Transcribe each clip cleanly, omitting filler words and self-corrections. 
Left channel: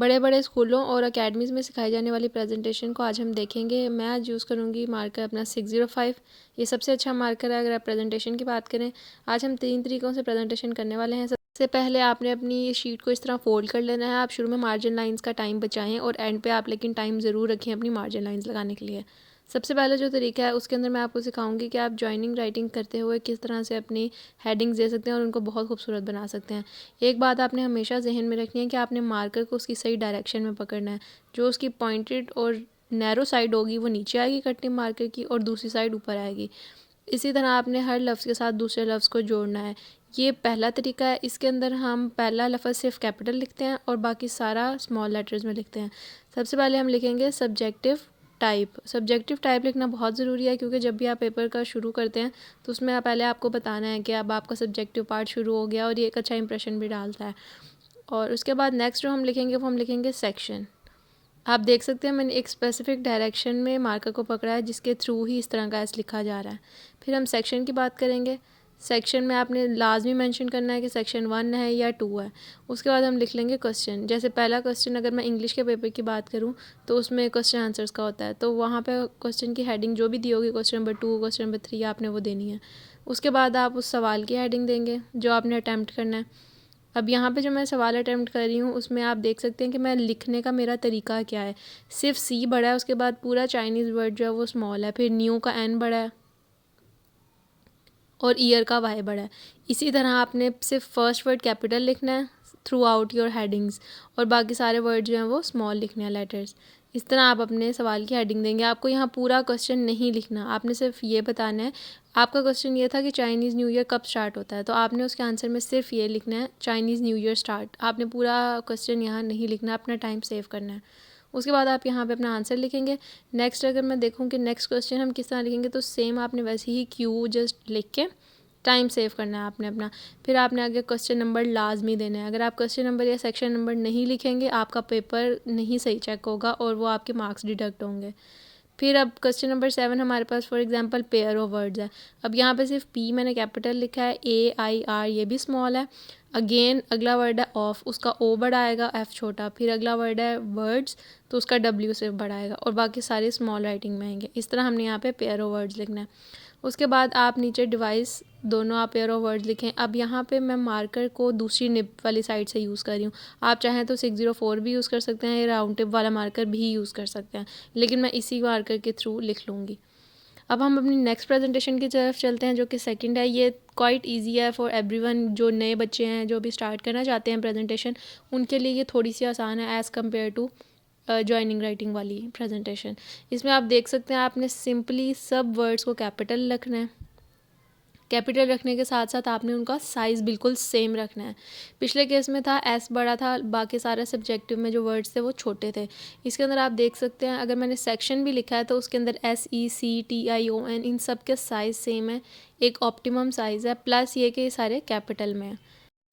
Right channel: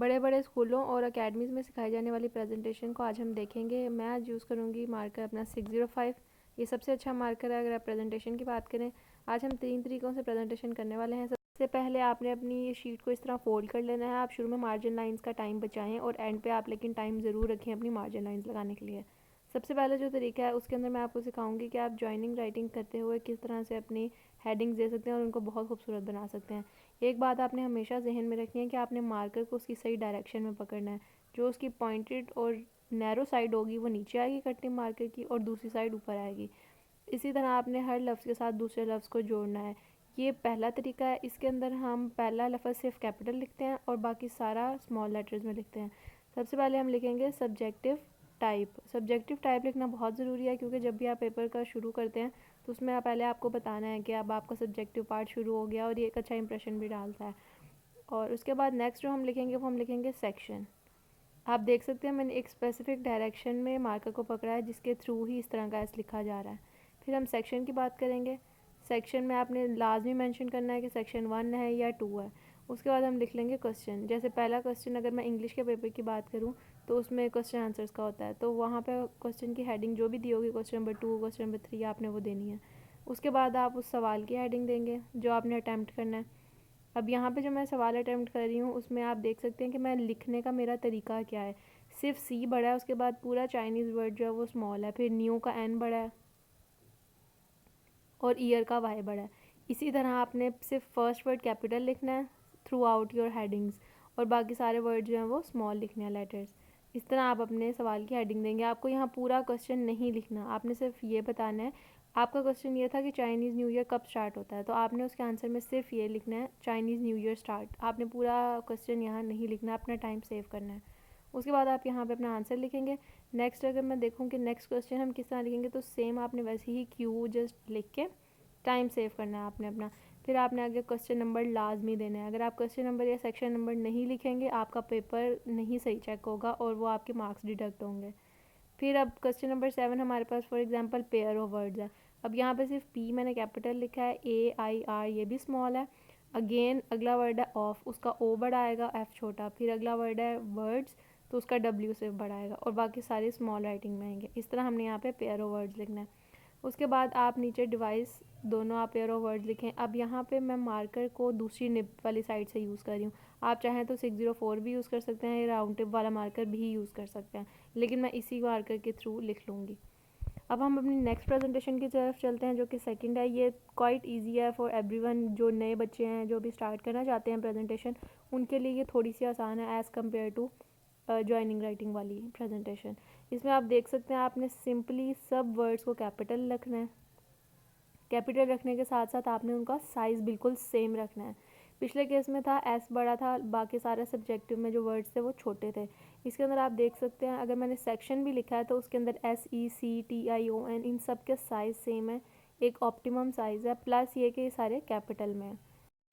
बड़े बड़े स्कूलों और अकेडमीज़ में सिखाई जाने वाली प्रेजेंटेशन को आज हम देखेंगे। मैं आज यूज़ करूँगी मार्कर अपना 605। ये सबसे अच्छा मार्कर है अगर आप प्रेजेंटेशन की बात करें। आज हम 3 तरीक़ों से प्रेजेंटेशन करने वाले हैं। सबसे पहले आपने अपनी शीट को इस तरह फोल्ड कर लेना है। आप शुरू में मार्जिन लाइंस का टाइम बचाएं और एंड पे आप लेकिन टाइम ज़रूर रखें अपनी मार्जिन लाइंस लगाने के लिए। सबसे पहले जो तरीका है उसके अंदर मैं आपको सिखाऊंगी कि आप जॉइनिंग राइटिंग करते हुए किस तरह से अपनी हेडिंग्स दे सकते हैं और उनको बहुत खूबसूरत बना सकते हैं। एक बात आपने हमेशा जहन में रखनी है कि आपने मार्कर को उसकी सही डायरेक्शन में पकड़ना है। जो उसकी पॉइंटेड और नैरो साइड होगी वो नीचे आएगी कटिंग मार्कर की, और दूसरी साइड ऊपर आएगी। इसी तरह आपने हर लफ्ज़ के साथ दूसरे लफ्ज़ को जोड़ना है। ये पहला तरीका है। इसके अंदर हम पहला लफ्ज़ सिर्फ कैपिटल लिखते हैं और बाकी सारा स्मॉल लेटर्स में लिखते हैं। सबसे पहले हम लिखेंगे सब्जेक्टिव टाइप। सब्जेक्टिव टाइप लिखना बहुत ज़रूरी है क्योंकि जब भी आप पेपर का शुरू करते हैं तो उसमें पहले आपको बताना है कि अब आपका सब्जेक्टिव पार्ट शुरू हो गया, और ये एक अच्छा इंप्रेशन भी डालता है। और उसके बाद नेक्स्ट जो हम लिखेंगे वो हम लिखेंगे सेक्शन। आप देख सकते हैं मैंने एक स्पेसिफिक डायरेक्शन में मार्कर को पकड़ा है जिसके थ्रू ही इस तरह का एस लिखा जा रहा है। फिर हम सेक्शन की बात करेंगे। सेक्शन में आपने लाजमी मेंशन करना है कि सेक्शन 1 है या 2 है। उसके बाद हम लिख लेंगे क्वेश्चन। जैसे पहला क्वेश्चन अगर मैं इंग्लिश के पेपर की बात करूं तो उसमें क्वेश्चन आंसर्स का होता है, तो वहाँ पे क्वेश्चन की हेडिंग जो भी दी होगी क्वेश्चन नंबर 2 क्वेश्चन नंबर 3 आपने वो देनी है। उसके बाद आप उस सवाल की हेडिंग देंगे जो आपने अटैम्प्ट करना है। अब यहाँ पे जो मैं सवाल अटैम्प्ट कर रही हूँ उसमें आप देख सकते हैं कि मैं लिखने का मेरा तरीका क्या है। सिर्फ सी बड़ा है, उसके बाद पूरा चाइनीज़ वर्ड जो है वो स्मॉल है, फिर न्यू का एन बड़ा है और ईयर का वाई बड़ा है। इसी तरह आपने सिर्फ फर्स्ट वर्ड कैपिटल लिखना है थ्रू आउट योर हेडिंग्स, और बाकी सारे वर्ड जो हैं वो स्मॉल लिखने हैं, लेटर्स। इस तरह आप अपने सवाल की हेडिंग देंगे। आपको यहाँ पूरा क्वेश्चन नहीं लिखना, आपने सिर्फ ये बताना है। आपका क्वेश्चन ये था कि चाइनीज़ न्यू ईयर कब स्टार्ट होता है, तो आपने उसके आंसर में सिर्फ ये लिखना है चाइनीज़ न्यू ईयर स्टार्ट। आपने पूरा क्वेश्चन यहाँ नहीं लिखना, अपना टाइम सेव करना है। उसके बाद आप यहाँ पे अपना आंसर लिखेंगे। नेक्स्ट अगर मैं देखूँ कि नेक्स्ट क्वेश्चन हम किस तरह लिखेंगे, तो सेम आपने वैसे ही क्यू जस्ट लिख के टाइम सेव करना है आपने अपना। फिर आपने आगे क्वेश्चन नंबर लाजमी देना है। अगर आप क्वेश्चन नंबर या सेक्शन नंबर नहीं लिखेंगे आपका पेपर नहीं सही चेक होगा और वो आपके मार्क्स डिडक्ट होंगे। फिर अब क्वेश्चन नंबर 7 हमारे पास for example pair of words है। अब यहाँ पे सिर्फ पी मैंने कैपिटल लिखा है, ए आई आर ये भी स्मॉल है। अगेन अगला वर्ड है ऑफ, उसका ओ बड़ा आएगा, एफ छोटा। फिर अगला वर्ड है वर्ड्स, तो उसका डब्ल्यू से बड़ा आएगा, और बाकी सारे स्मॉल राइटिंग में आएंगे। इस तरह हमने यहाँ पे पेयर ऑफ वर्ड्स लिखना है। उसके बाद आप नीचे डिवाइस दोनों आप पेयर ऑफ वर्ड्स लिखें। अब यहाँ पे मैं मार्कर को दूसरी निब वाली साइड से यूज़ कर रही हूँ। आप चाहें तो 604 भी यूज़ कर सकते हैं या राउंड टिप वाला मार्कर भी यूज़ कर सकते हैं, लेकिन मैं इसी मार्कर के थ्रू लिख लूँगी। अब हम अपनी नेक्स्ट प्रेजेंटेशन की तरफ चलते हैं जो कि सेकंड है। ये क्वाइट इजी है फॉर एवरीवन। जो नए बच्चे हैं जो भी स्टार्ट करना चाहते हैं प्रेजेंटेशन, उनके लिए ये थोड़ी सी आसान है as compare to joining writing वाली प्रेजेंटेशन। इसमें आप देख सकते हैं आपने सिंपली सब वर्ड्स को कैपिटल रखना है। कैपिटल रखने के साथ साथ आपने उनका साइज़ बिल्कुल सेम रखना है। पिछले केस में था एस बड़ा था, बाकी सारे सब्जेक्टिव में जो वर्ड्स थे वो छोटे थे। इसके अंदर आप देख सकते हैं अगर मैंने सेक्शन भी लिखा है तो उसके अंदर SECTION इन सब के साइज़ सेम है, एक ऑप्टिमम साइज़ है, प्लस ये कि ये सारे कैपिटल में है।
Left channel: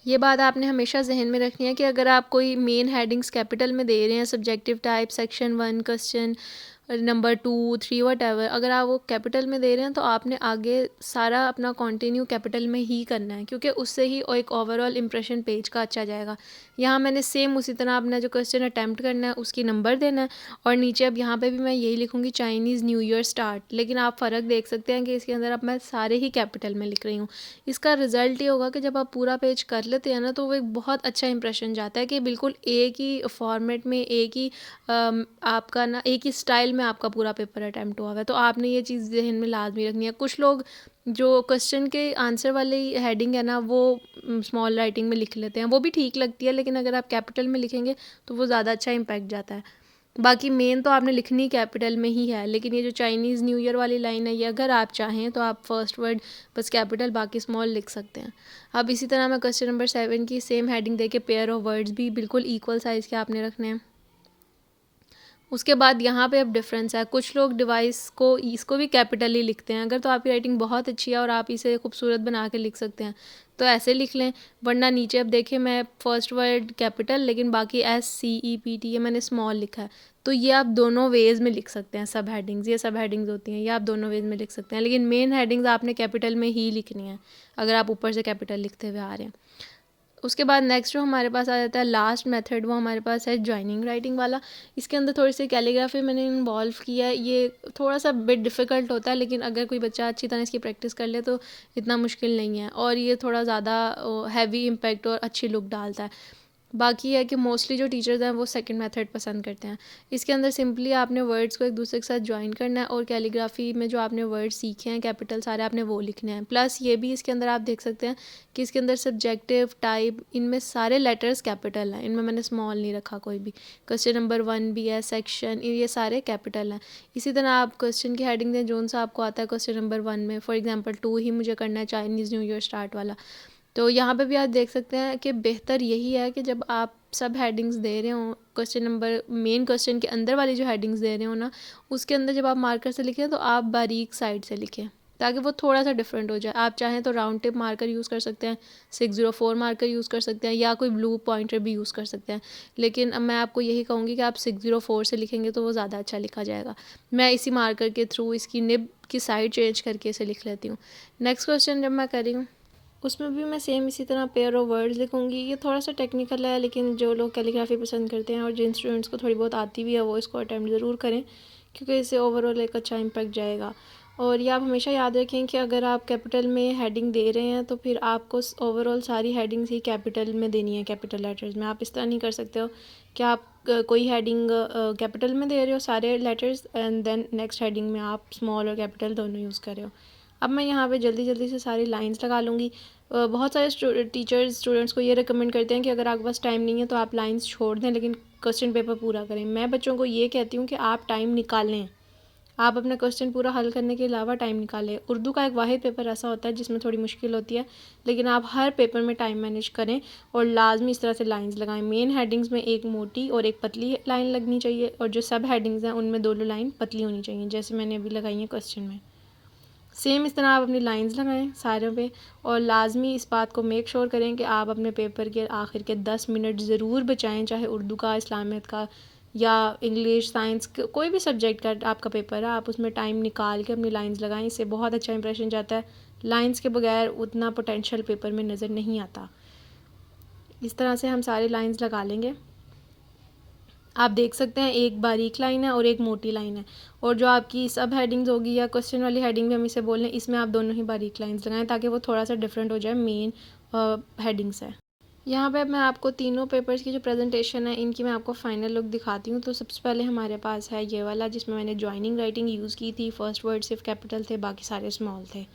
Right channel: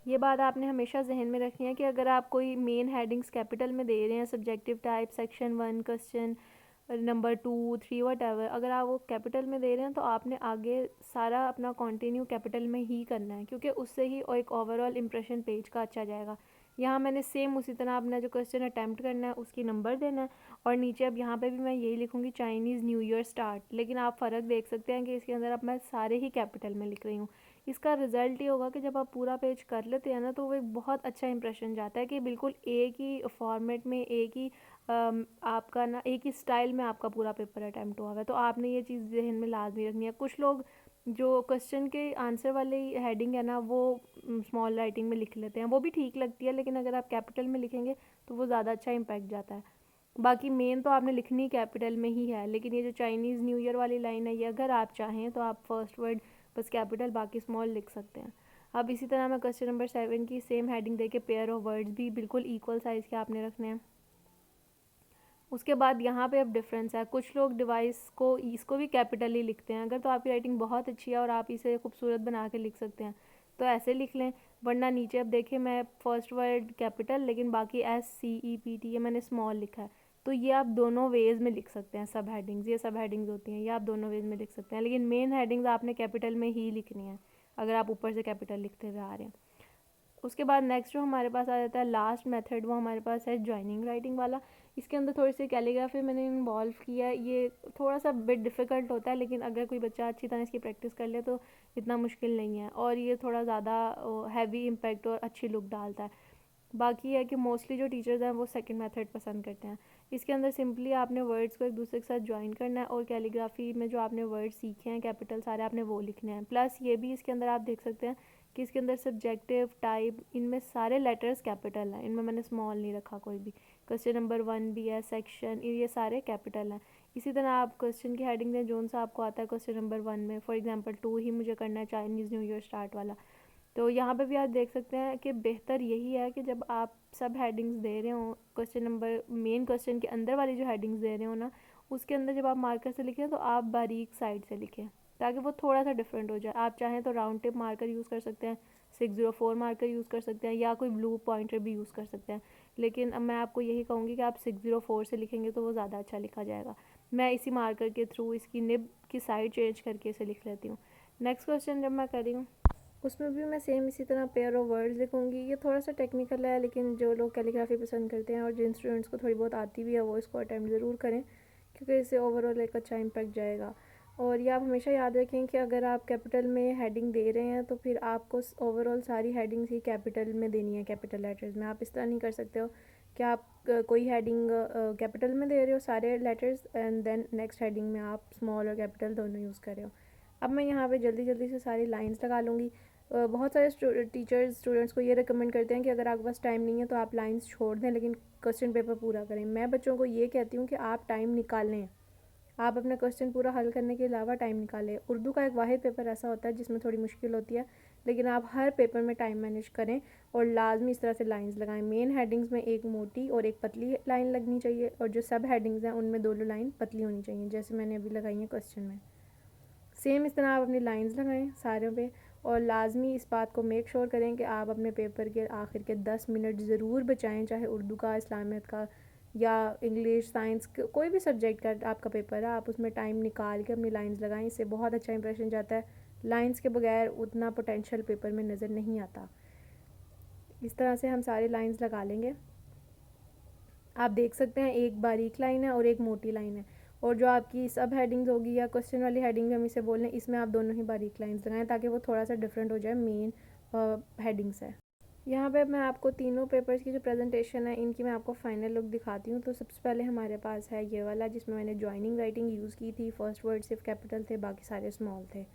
ये बात आपने हमेशा जहन में रखनी है कि अगर आप कोई मेन हेडिंग्स कैपिटल में दे रहे हैं, subjective type, section 1, question number 2, 3 what ever, अगर आप वो कैपिटल में दे रहे हैं तो आपने आगे सारा अपना कंटिन्यू कैपिटल में ही करना है, क्योंकि उससे ही एक ओवरऑल इंप्रेशन पेज का अच्छा जाएगा। यहाँ मैंने सेम उसी तरह अपना जो क्वेश्चन अटैम्प्ट करना है उसकी नंबर देना है, और नीचे अब यहाँ पे भी मैं यही लिखूँगी चाइनीज़ न्यू ईयर स्टार्ट। लेकिन आप फ़र्क देख सकते हैं कि इसके अंदर अब मैं सारे ही कैपिटल में लिख रही हूँ। इसका रिज़ल्ट ये होगा कि जब आप पूरा पेज कर लेते हैं ना तो वो एक बहुत अच्छा इंप्रेशन जाता है कि बिल्कुल एक ही फॉर्मेट में, एक ही आपका ना एक ही स्टाइल में आपका पूरा पेपर अटैम्प्ट हुआ है। तो आपने ये चीज़ जहन में लाजमी रखनी है। कुछ लोग जो क्वेश्चन के आंसर वाली हेडिंग है ना वो स्मॉल राइटिंग में लिख लेते हैं, वो भी ठीक लगती है, लेकिन अगर आप कैपिटल में लिखेंगे तो वो ज़्यादा अच्छा इम्पैक्ट जाता है। बाकी मेन तो आपने लिखनी कैपिटल में ही है, लेकिन ये जो चाइनीज़ न्यू ईयर वाली लाइन है ये अगर आप चाहें तो आप फर्स्ट वर्ड बस कैपिटल बाकी स्मॉल लिख सकते हैं। अब इसी तरह मैं क्वेश्चन नंबर 7 की सेम हेडिंग दे के पेयर ऑफ वर्ड्स भी बिल्कुल इक्वल साइज़ के आपने रखने हैं। उसके बाद यहाँ पे अब डिफरेंस है, कुछ लोग डिवाइस को इसको भी कैपिटल ही लिखते हैं। अगर तो आपकी राइटिंग बहुत अच्छी है और आप इसे खूबसूरत बना के लिख सकते हैं तो ऐसे लिख लें, वरना नीचे अब देखिए मैं फर्स्ट वर्ड कैपिटल लेकिन बाकी SCEPT ये मैंने स्मॉल लिखा है। तो ये आप दोनों वेज़ में लिख सकते हैं। सब हेडिंग्स, ये सब हेडिंग्स होती हैं, ये आप दोनों वेज़ में लिख सकते हैं, लेकिन मेन हेडिंग्स आपने कैपिटल में ही लिखनी है अगर आप ऊपर से कैपिटल लिखते हुए आ रहे हैं। उसके बाद नेक्स्ट जो हमारे पास आ जाता है लास्ट मेथड, वो हमारे पास है जॉइनिंग राइटिंग वाला। इसके अंदर थोड़ी सी कैलीग्राफी मैंने इन्वॉल्व किया है। ये थोड़ा सा बिट डिफ़िकल्ट होता है, लेकिन अगर कोई बच्चा अच्छी तरह इसकी प्रैक्टिस कर ले तो इतना मुश्किल नहीं है, और ये थोड़ा ज़्यादा हैवी इम्पैक्ट और अच्छी लुक डालता है। बाकी है कि मोस्टली जो टीचर्स हैं वो सेकंड मेथड पसंद करते हैं। इसके अंदर सिंपली आपने वर्ड्स को एक दूसरे के साथ ज्वाइन करना है, और कैलीग्राफी में जो आपने वर्ड्स सीखे हैं कैपिटल सारे आपने वो लिखने हैं। प्लस ये भी इसके अंदर आप देख सकते हैं कि इसके अंदर सब्जेक्टिव, टाइप, इनमें सारे लेटर्स कैपिटल हैं, इनमें मैंने स्मॉल नहीं रखा कोई भी। क्वेश्चन नंबर 1 भी है, सेक्शन, ये सारे कैपिटल हैं। इसी तरह आप क्वेश्चन की हेडिंग दें जोन सा आपको आता है क्वेश्चन नंबर 1 में। फॉर एग्जाम्पल 2 ही मुझे करना है, चाइनीज़ न्यू ईयर स्टार्ट वाला। तो यहाँ पे भी आप देख सकते हैं कि बेहतर यही है कि जब आप सब हेडिंग्स दे रहे हो, क्वेश्चन नंबर मेन क्वेश्चन के अंदर वाली जो हेडिंग्स दे रहे हो ना, उसके अंदर जब आप मार्कर से लिखें तो आप बारीक साइड से लिखें, ताकि वो थोड़ा सा डिफरेंट हो जाए। आप चाहें तो राउंड टिप मार्कर यूज़ कर सकते हैं, 604 मार्कर यूज़ कर सकते हैं, या कोई ब्लू पॉइंटर भी यूज़ कर सकते हैं। लेकिन अब मैं आपको यही कहूँगी कि आप 604 से लिखेंगे तो वो ज़्यादा अच्छा लिखा जाएगा। मैं इसी मार्कर के थ्रू इसकी निब की साइड चेंज करके इसे लिख लेती हूँ। नेक्स्ट क्वेश्चन जब मैं कर रही हूँ उसमें भी मैं सेम इसी तरह पेयर ऑफ वर्ड्स लिखूँगी। ये थोड़ा सा टेक्निकल है, लेकिन जो लोग कैलीग्राफी पसंद करते हैं और जिन स्टूडेंट्स को थोड़ी बहुत आती भी है वो इसको अटैम्प्ट ज़रूर करें, क्योंकि इससे ओवरऑल एक अच्छा इम्पैक्ट जाएगा। और ये आप हमेशा याद रखें कि अगर आप कैपिटल में हेडिंग दे रहे हैं तो फिर आपको ओवरऑल सारी हेडिंग्स ही कैपिटल में देनी है, कैपिटल लेटर्स में। आप इस तरह नहीं कर सकते हो कि आप कोई हेडिंग कैपिटल में दे रहे हो सारे letters, and then next heading में आप स्मॉल और कैपिटल दोनों यूज़ कर रहे हो। अब मैं यहाँ पे जल्दी जल्दी से सारी लाइंस लगा लूँगी। बहुत सारे टीचर्स स्टूडेंट्स को ये रिकमेंड करते हैं कि अगर आपके पास टाइम नहीं है तो आप लाइंस छोड़ दें, लेकिन क्वेश्चन पेपर पूरा करें। मैं बच्चों को ये कहती हूँ कि आप टाइम निकालें, आप अपना क्वेश्चन पूरा हल करने के अलावा टाइम निकालें। उर्दू का एक वाहिद पेपर ऐसा होता है जिसमें थोड़ी मुश्किल होती है, लेकिन आप हर पेपर में टाइम मैनेज करें और लाजमी इस तरह से लाइंस लगाएं। मेन हेडिंग्स में एक मोटी और एक पतली लाइन लगनी चाहिए, और जो सब हेडिंग्स हैं उनमें दोनों लाइन पतली होनी चाहिए, जैसे मैंने अभी लगाई है क्वेश्चन में। सेम इस तरह आप अपनी लाइंस लगाएं सारों पे, और लाजमी इस बात को मेक श्योर करें कि आप अपने पेपर के आखिर के 10 मिनट ज़रूर बचाएं, चाहे उर्दू का, इस्लामियत का, या इंग्लिश, साइंस, कोई भी सब्जेक्ट का आपका पेपर है, आप उसमें टाइम निकाल के अपनी लाइंस लगाएं। इससे बहुत अच्छा इंप्रेशन जाता है। लाइंस के बगैर उतना पोटेंशियल पेपर में नज़र नहीं आता। इस तरह से हम सारी लाइंस लगा लेंगे। आप देख सकते हैं एक बारीक लाइन है और एक मोटी लाइन है, और जो आपकी सब हेडिंग्स होगी या क्वेश्चन वाली हेडिंग भी हम इसे बोल रहे हैं, इसमें आप दोनों ही बारीक लाइंस लगाएं ताकि वो थोड़ा सा डिफरेंट हो जाए मेन हेडिंग से। यहाँ पे मैं आपको तीनों पेपर्स की जो प्रेजेंटेशन है इनकी मैं आपको फाइनल लुक दिखाती हूँ। तो सबसे पहले हमारे पास है ये वाला, जिसमें मैंने जॉइनिंग राइटिंग यूज़ की थी। फर्स्ट वर्ड सिर्फ कैपिटल थे, बाकी सारे स्मॉल थे।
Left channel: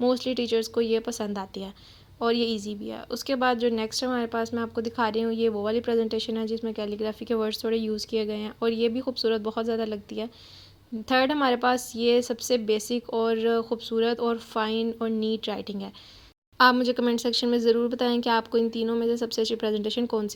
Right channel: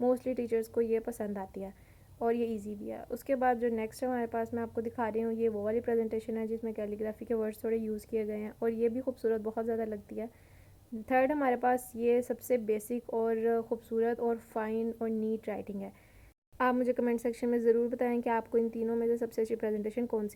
मोस्टली टीचर्स को ये पसंद आती है और ये इजी भी है। उसके बाद जो नेक्स्ट हमारे पास मैं आपको दिखा रही हूँ, ये वो वाली प्रेजेंटेशन है जिसमें कैलीग्राफी के वर्ड्स थोड़े यूज़ किए गए हैं, और ये भी खूबसूरत बहुत ज़्यादा लगती है। थर्ड हमारे पास ये सबसे बेसिक और ख़ूबसूरत और फ़ाइन और नीट राइटिंग है। आप मुझे कमेंट सेक्शन में ज़रूर बताएं कि आपको इन तीनों में से सबसे अच्छी प्रेजेंटेशन कौन सी